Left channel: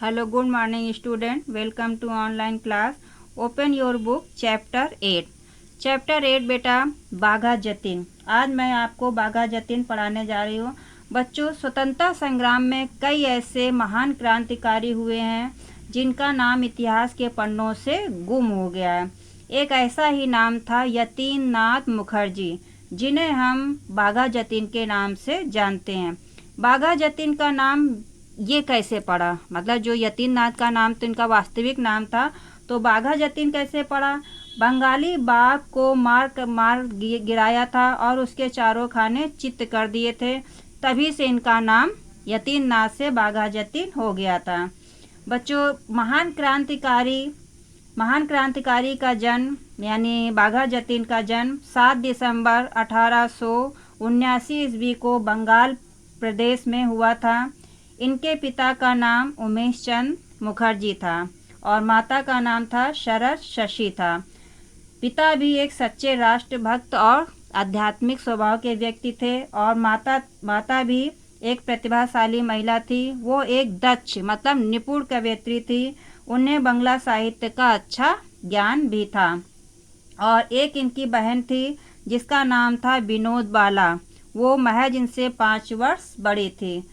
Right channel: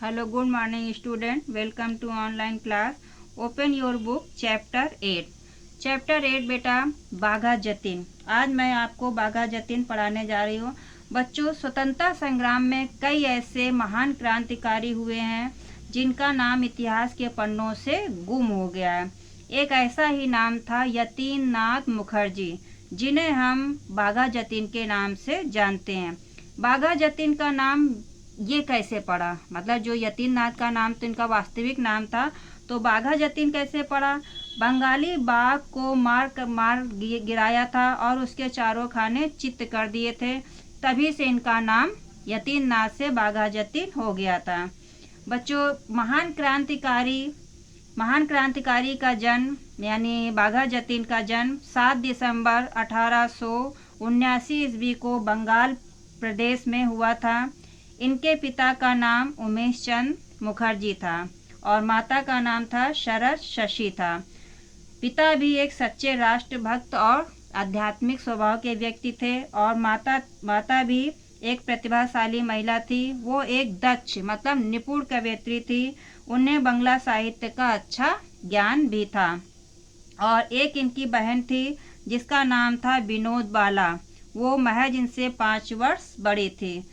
Hello, good morning student. Welcome to online class. Open your book chapter 8. Chapter 8 बेटा बाघा जतीन। आज मैं आपको बाघा जतीन पढ़ाने जा रही हूँ। बच्चों, स्वतंत्रता संग्राम में कई ऐसे महान क्रांतिकारी हुए हैं जिनका नाम इतिहास के पन्नों से गुम हो गया है। एक ऐसा ही नाम था यतीन नाथ मुखर्जी, जिन्हें हम बाघा जतीन के नाम से जानते हैं। बाघा जतीन का नाम ये कैसे पड़ा, मतलब जो यतीन नाथ का नाम तो इनका वास्तविक नाम था, तो बाघा जतीन कैसे पड़ा? बंगाली बाघ को मार गिराया था और उसके चारों खाने चित्त कर दिए थे, तभी से इनका नाम यतीन नाथ से बाघा जतीन हो गया था। बच्चों, महान क्रांतिकारी का जन्म यानी बाघा जतीन का जन्म 7 दिसंबर 1879 ईस्वी को बंगाल प्रदेश में हुआ था। इनके पिता का नाम उमेश चंद मुखर्जी था और माता का नाम था शरद शशि था। पिता भी एक सच्चे राष्ट्रभक्त और आध्यात्मिक स्वभाव के व्यक्ति थे और माता भी एक प्रतिभाशाली महिला थी। वो एक दक्ष मतलब निपुण कवयित्री थी। उन्हें बांग्ला साहित्य का अच्छा ज्ञान भी था। और एक इनकी बहन थी जिसका नाम था विनोद बाला। वो महज इनसे 5 वर्ष बड़ी थी।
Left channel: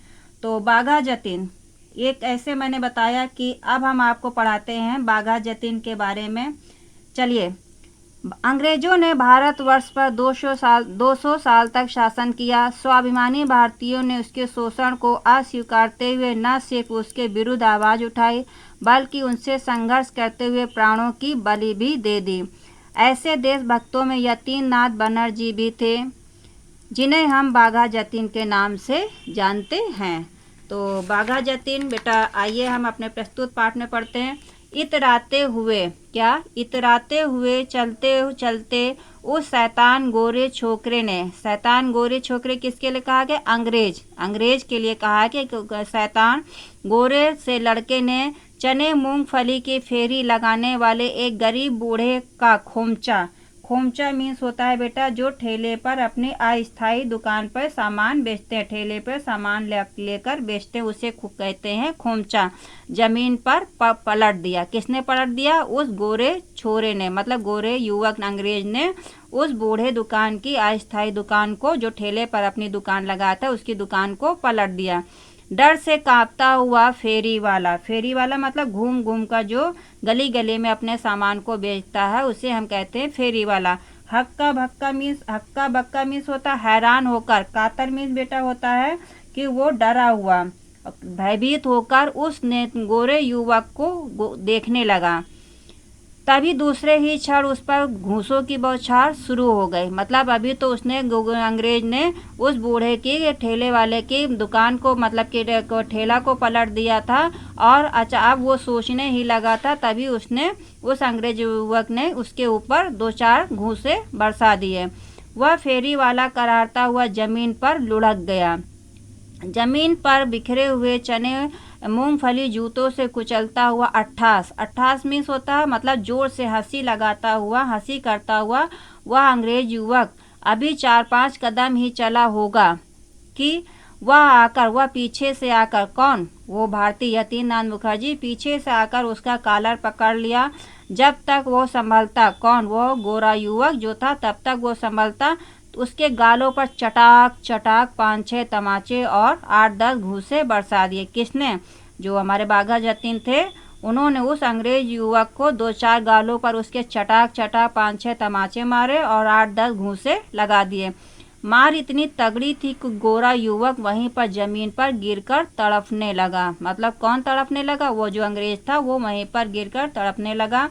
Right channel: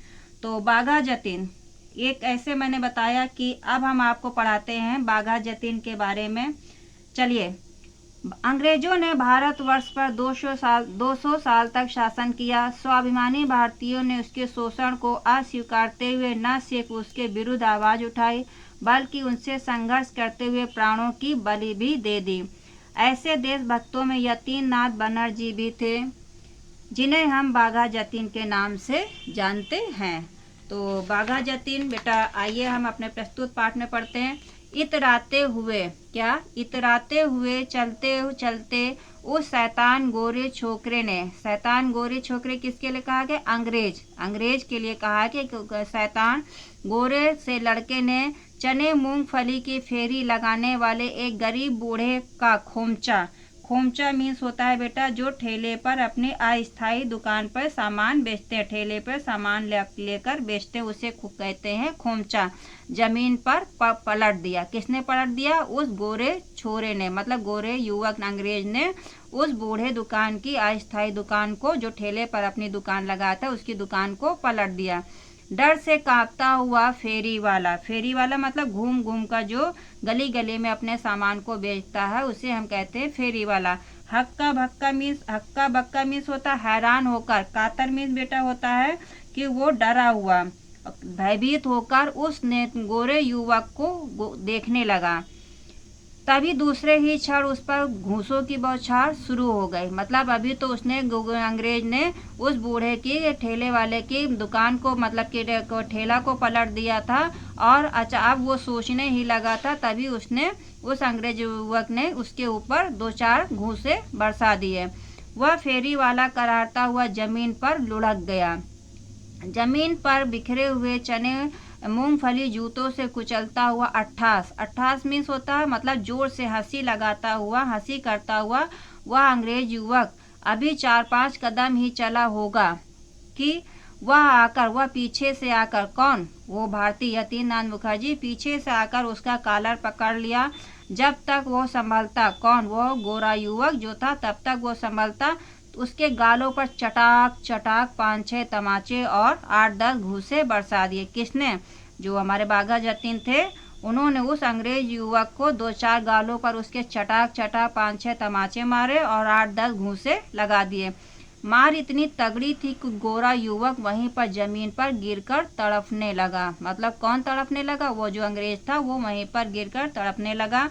तो बाघा जतीन एक ऐसे मैंने बताया कि अब हम आपको पढ़ाते हैं बाघा जतीन के बारे में। चलिए, अंग्रेजों ने भारतवर्ष पर 200 साल तक शासन किया। स्वाभिमानी भारतीयों ने उसके शोषण को अस्वीकारते हुए न सिर्फ उसके विरुद्ध आवाज उठाई, बल्कि उनसे संघर्ष करते हुए प्राणों की बलि भी दे दी। ऐसे देशभक्तों में यतीन नाथ बनर्जी भी थे, जिन्हें हम बाघा जतीन के नाम से जानते हैं। तो बाघा जतीन बेटा, आइए हम अपने प्रस्तुत पाठ में पढ़ते हैं। इतराते हुए चलते चलते उस शैतान गोरे छोकरे किसके लिए कहा गया? अंग्रेज के लिए कहा कि शैतान गोरे से लड़के ने चने मूंगफली की फेरी लगाने वाले एक गरीब बूढ़े का खोमचा मीन्स होता है बेटा जो ठेले पर अपनी अस्थायी दुकान पर सामान बेचते हैं, ठेले पर सामान लेकर बेचते हैं, उसे कहते हैं खोमचा। जमीन पर पलट दिया। किसने पलट दिया? उस गोरे छोरे ने, मतलब गोरे युवक अंग्रेज ने उस बूढ़े दुकान की अस्थायी दुकान को, जो ठेले पर अपनी दुकान लगाया था, उसकी दुकान को पलट दिया। डर से कांपता हुआ फेरी वाला मतलब घूम घूम कर जो गली गली में अपने सामान को बेचता है, उसे हम कहते हैं फेरी वाला। हक्का बक्का मीन्स होता हैरान होकर। कातर मीन्स बेटा होता है कि वो डरा हुआ, भयभीत होकर उस गोरे युवक को देखने लगा। तभी दूसरे ही क्षण उस पर घूंसों की बौछार शुरू हो गई। मतलब अभी तो उसने अंग्रेज ने उस बूढ़े की, ठेले वाले की दुकान को, मतलब कि ठेला को पलट दिया था और अब वो सोचने ही लगा था, तभी उसने, उस अंग्रेज युवक ने उसके ऊपर 2-4 घूंसे बरसा दिए। वह फेरी वाला करारता हुआ जमीन पर लुढ़क गया। जमीन पर बिखरे हुए चने मूंगफली जूतों से कुचलता हुआ अट्ठास मीन्स होता है मतलब जोर से हंसी करता हुआ वह अंग्रेज युवक अभी 4-5 कदम ही चला होगा कि वह पीछे से आकर, कौन? वो भारतीय यतीन नाथ मुखर्जी पीछे से आकर उसका कॉलर पकड़ लिया। जब तक वो संभलता, कौन? वो गोरा युवक जो था, तब तक वो संभलता, उसके गालों पर चटाक 5-6 तमाचे और 8-10 घूंसे बरसा दिए। किसने? जो हमारे बाघा जतीन थे, उन्होंने उस अंग्रेज युवक को 2-4 गालों पर उसके चटाक 5-6 तमाचे मारे और 8-10 घूंसे लगा दिए। मार इतनी तगड़ी थी कि गोरा युवक वहीं पर जमीन पर गिरकर तड़पने लगा। मतलब कौन तड़पने लगा? वो जो अंग्रेज था, वो वहीं पर गिरकर तड़पने लगा।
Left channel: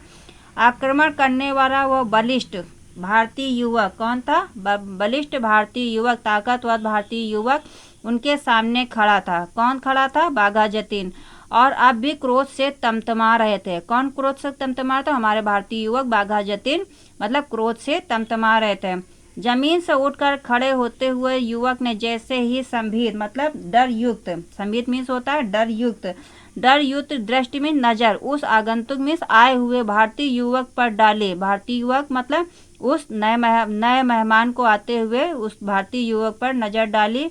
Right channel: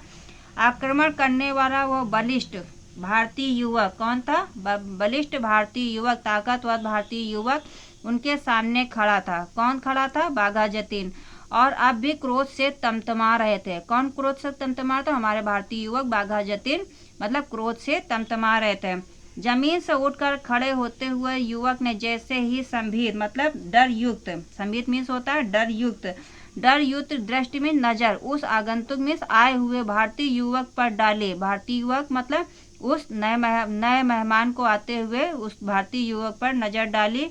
आक्रमण करने वाला वो बलिष्ठ भारतीय युवक कौन था? बलिष्ठ भारतीय युवक, ताकतवर भारतीय युवक उनके सामने खड़ा था। कौन खड़ा था? बाघा जतीन। और अब भी क्रोध से तमतमा रहे थे। कौन क्रोध से तमतमा रहा था? हमारे भारतीय युवक बाघा जतीन मतलब क्रोध से तमतमा रहे थे। जमीन से उठकर खड़े होते हुए युवक ने जैसे ही संभीत मतलब डर युक्त, संभीत मीन्स होता है डर युक्त दृष्टि में नजर उस आगंतुक मीन्स आए हुए भारतीय युवक पर डाले। भारतीय युवक मतलब उस नए मेहमान को आते हुए उस भारतीय युवक पर नजर डाली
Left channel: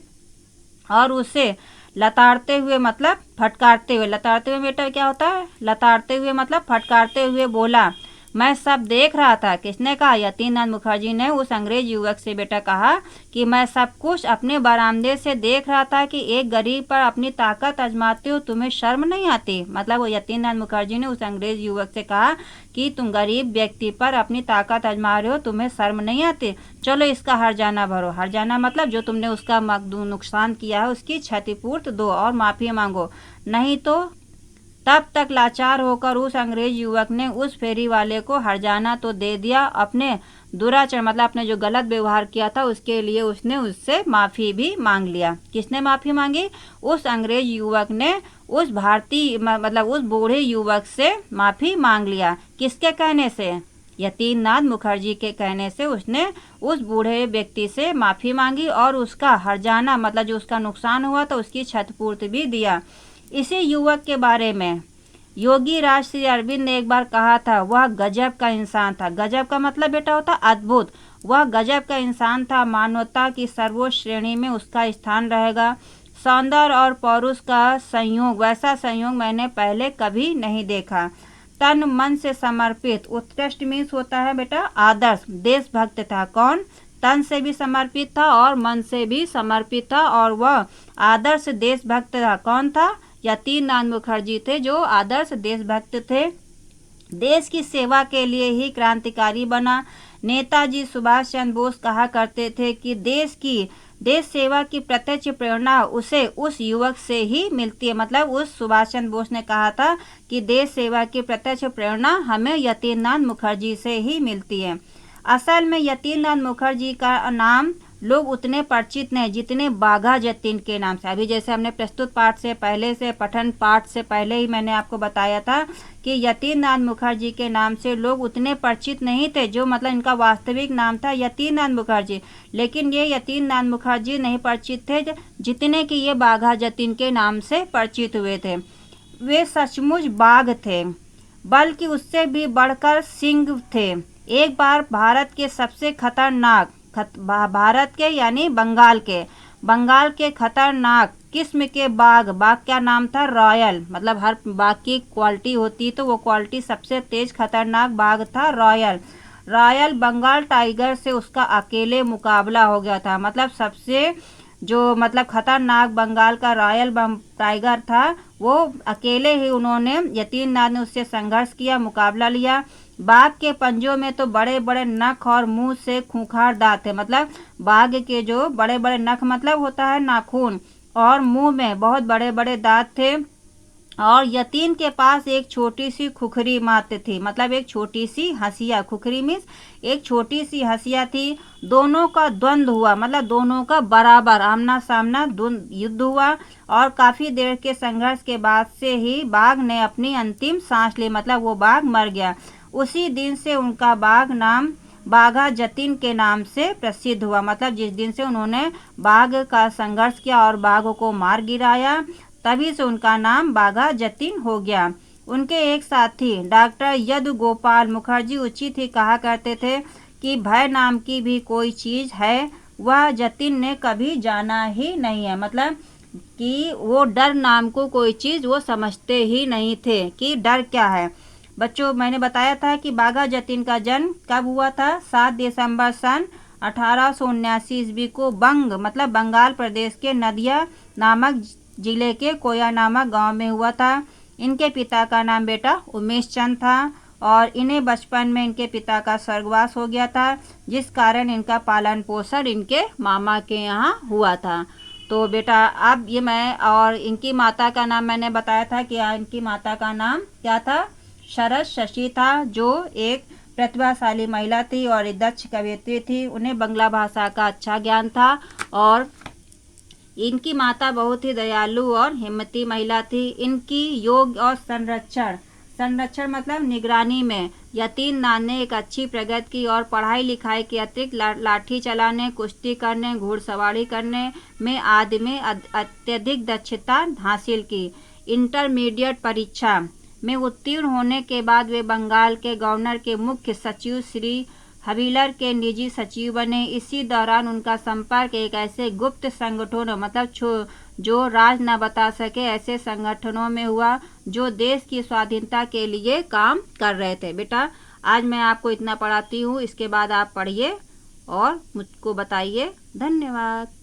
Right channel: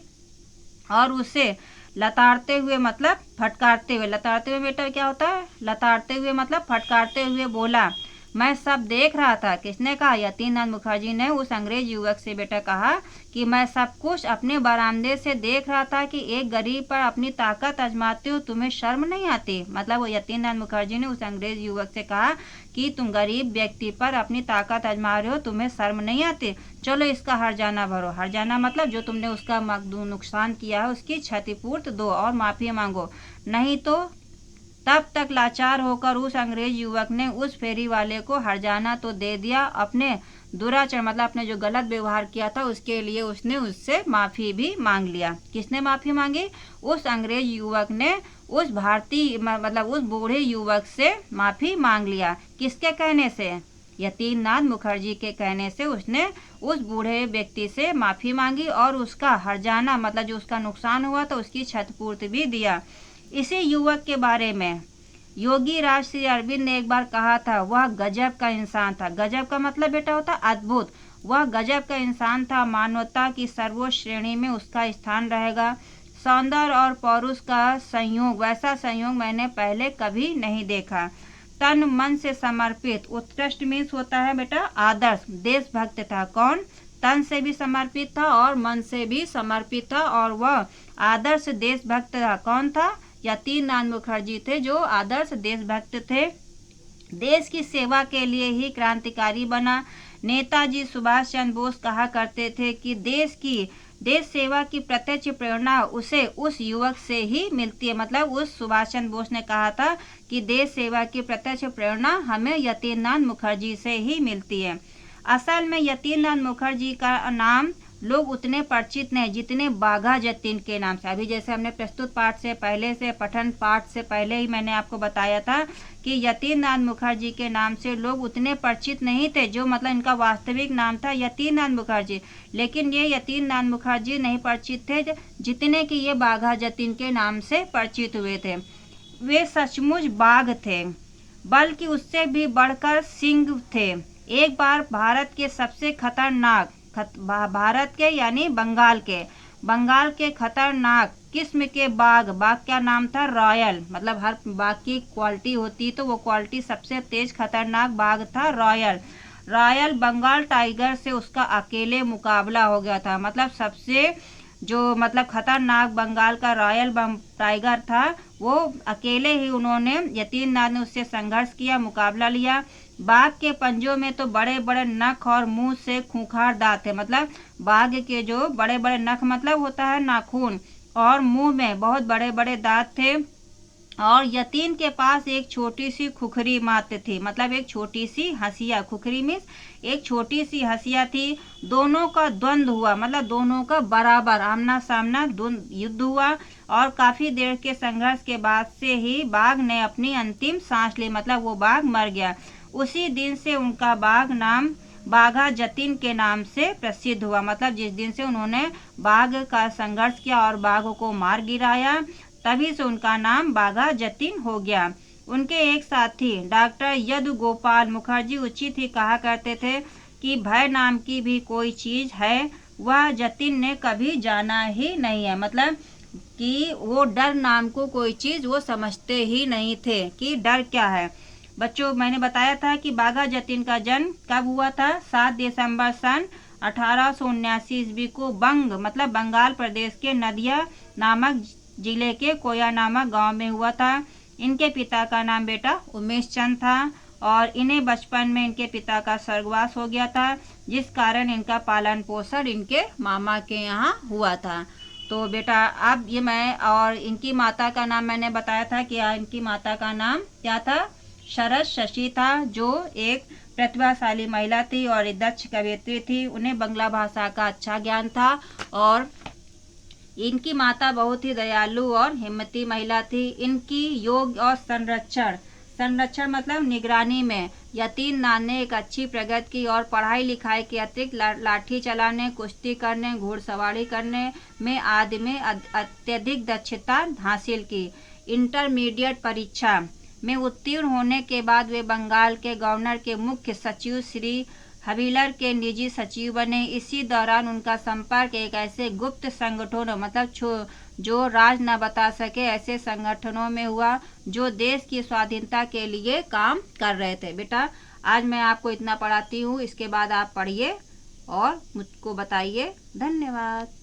और उसे लताड़ते हुए मतलब फटकारते हुए, लताड़ते हुए बेटा क्या होता है, लताड़ते हुए मतलब फटकारते हुए बोला, मैं सब देख रहा था। किसने कहा, यतीनाथ मुखर्जी ने उस अंग्रेज युवक से बेटा कहा कि मैं सब कुछ अपने बरामदे से देख रहा था कि एक गरीब पर अपनी ताकत आजमाते हो, तुम्हें शर्म नहीं आती। मतलब वो यतीनाथ मुखर्जी ने उस अंग्रेज युवक से कहा कि तुम गरीब व्यक्ति पर अपनी ताकत आजमा रहे हो, तुम्हें शर्म नहीं आती। चलो इसका हर्जाना भरो। हर्जाना मतलब जो तुमने उसका नुकसान किया है उसकी क्षतिपूर्ति दो और माफी मांगो, नहीं तो। तब तक लाचार होकर उस अंग्रेज युवक ने उस फेरी वाले को हर्जाना तो दे दिया, अपने दुराचरण मतलब अपने जो गलत व्यवहार किया था उसके लिए उसने उससे माफी भी मांग लिया। किसने माफी मांगी, उस अंग्रेज युवक ने उस भारतीय मतलब उस बूढ़े युवक से माफी मांग लिया। किसके कहने से, यतीनाथ मुखर्जी के कहने से उसने उस बूढ़े व्यक्ति से माफी मांगी और उसका हर्जाना मतलब जो उसका नुकसान हुआ था उसकी क्षतिपूर्ति भी दिया। इसी युवक के बारे में योगी राज श्री अरविंद ने एक बार कहा था, वह गजब का इंसान था। गजब का मतलब बेटा होता अद्भुत। वह गजब का इंसान था, मानवता की सर्वोच्च श्रेणी में उसका स्थान रहेगा। सौंदर्य और पौरुष का संयोग, वैसा संयोग मैंने पहले कभी नहीं देखा। तन मन से समर्पित, उत्कृष्ट मीन्स होता है बेटा आदर्श, देशभक्त था। कौन, तन से भी समर्पित था और मन से भी समर्पित था और वह आदर्श देशभक्त था। कौन था, यतीनाथ मुखर्जी थे जो आदर्श देशभक्त थे। देश की सेवा के लिए ही क्रांतिकारी बना। नेताजी सुभाष चंद्र बोस कहा करते थे कि देश सेवा की प्रत्यक्ष प्रेरणा उसे उस युवक से ही मिलती है। मतलब उस सुभाष चंद्र बोस ने कहा था कि देश सेवा की प्रत्यक्ष प्रेरणा हमें यतीनाथ मुखर्जी से ही मिलती है। असल में यतीनाथ मुखर्जी का नाम लोग उतने परिचित नहीं जितने बाघा जतीन के नाम से। अभी जैसे हमने प्रस्तुत पाठ से पहले से पठन पाठ से पहले ही मैंने आपको बताया था कि यतीनाथ मुखर्जी के नाम से लोग उतने परिचित नहीं थे, जो मतलब इनका वास्तविक नाम था यतीनाथ मुखर्जी। लेकिन ये यतीनाथ मुखर्जी नहीं परिचित थे जितने कि ये बाघा जतीन के नाम से परिचित हुए थे। वे सचमुच बाघ थे, बल्कि उससे भी बढ़कर सिंह थे। एक बार भारत के सबसे खतरनाक भारत के यानी बंगाल के खतरनाक किस्म के बाघ का नाम था रॉयल। मतलब हर बाघ की क्वालिटी होती तो वो क्वालिटी सबसे तेज खतरनाक बाघ था रॉयल बंगाल टाइगर से उसका अकेले मुकाबला हो गया था। मतलब सबसे जो मतलब खतरनाक बंगाल का रॉयल टाइगर था वो अकेले ही उन्होंने यतीनाथ ने उससे संघर्ष किया, मुकाबला लिया। बाघ के पंजों में तो बड़े बड़े नख और मुंह से खूंखार दांत थे। मतलब बाघ के जो बड़े बड़े नख मतलब होता है नाखून, और मुंह में बहुत बड़े बड़े दांत थे। और यतीन के पास एक छोटी सी खुखरी मात्र थी। मतलब एक छोटी सी हंसिया, खुखरी मीन्स एक छोटी सी हंसिया थी। दोनों का द्वंद्व हुआ, मतलब दोनों का बराबर आमना सामना युद्ध हुआ और काफी देर के संघर्ष के बाद से ही बाघ ने अपनी अंतिम सांस ली। मतलब वो बाघ मर गया। उसी दिन से उनका बाघ नाम बाघा जतीन के नाम से प्रसिद्ध हुआ। मतलब जिस दिन से उन्होंने बाघ का संघर्ष किया और बाघ को मार गिराया, तभी से उनका नाम बाघा जतीन हो गया। उनके एक साथी डॉक्टर यदु गोपाल मुखर्जी उचित ही कहा करते थे कि भय नाम की भी कोई चीज है, वह जतीन ने कभी जाना ही नहीं है। मतलब कि वो डर नाम को कोई चीज वो समझते ही नहीं थे कि डर क्या है। बच्चों, मैंने बताया था कि बाघा जतीन का जन्म कब हुआ था, 7 दिसंबर सन 1879 ईस्वी को मतलब बंगाल प्रदेश के नदिया नामक जिले के कोया नामक गांव में हुआ था। इनके पिता का नाम बेटा उमेश चंद था और इन्हें बचपन में इनके पिता का स्वर्गवास हो गया था, जिस कारण इनका पालन पोषण इनके मामा के यहाँ हुआ था। तो बेटा अब ये मैं और इनकी माता का नाम मैंने बताया था कि इनकी माता का नाम क्या था, शरद शशि था, जो एक प्रतिभाशाली महिला थी और एक दक्ष कवयित्री थी। उन्हें बंगला भाषा का अच्छा ज्ञान था और इनकी माता बहुत ही दयालु और हिम्मती महिला थी। इनकी योग और संरक्षण मतलब निगरानी में यतीनाथ ने एक अच्छी प्रगति की और पढ़ाई लिखाई के अतिरिक्त लाठी चलाने, कुश्ती करने, घुड़सवारी करने में आदि में अत्यधिक दक्षता हासिल की। इंटरमीडिएट परीक्षा में उत्तीर्ण होने के बाद वे बंगाल के गवर्नर के मुख्य सचिव श्री हविलर के निजी सचिव बने। इसी दौरान उनका संपर्क एक ऐसे गुप्त संगठनों मतलब जो राज न बता सके ऐसे संगठनों में हुआ जो देश की स्वाधीनता के लिए काम कर रहे थे। बेटा आज मैं आपको इतना पढ़ाती हूँ, इसके बाद आप पढ़िए और मुझको बताइए। धन्यवाद।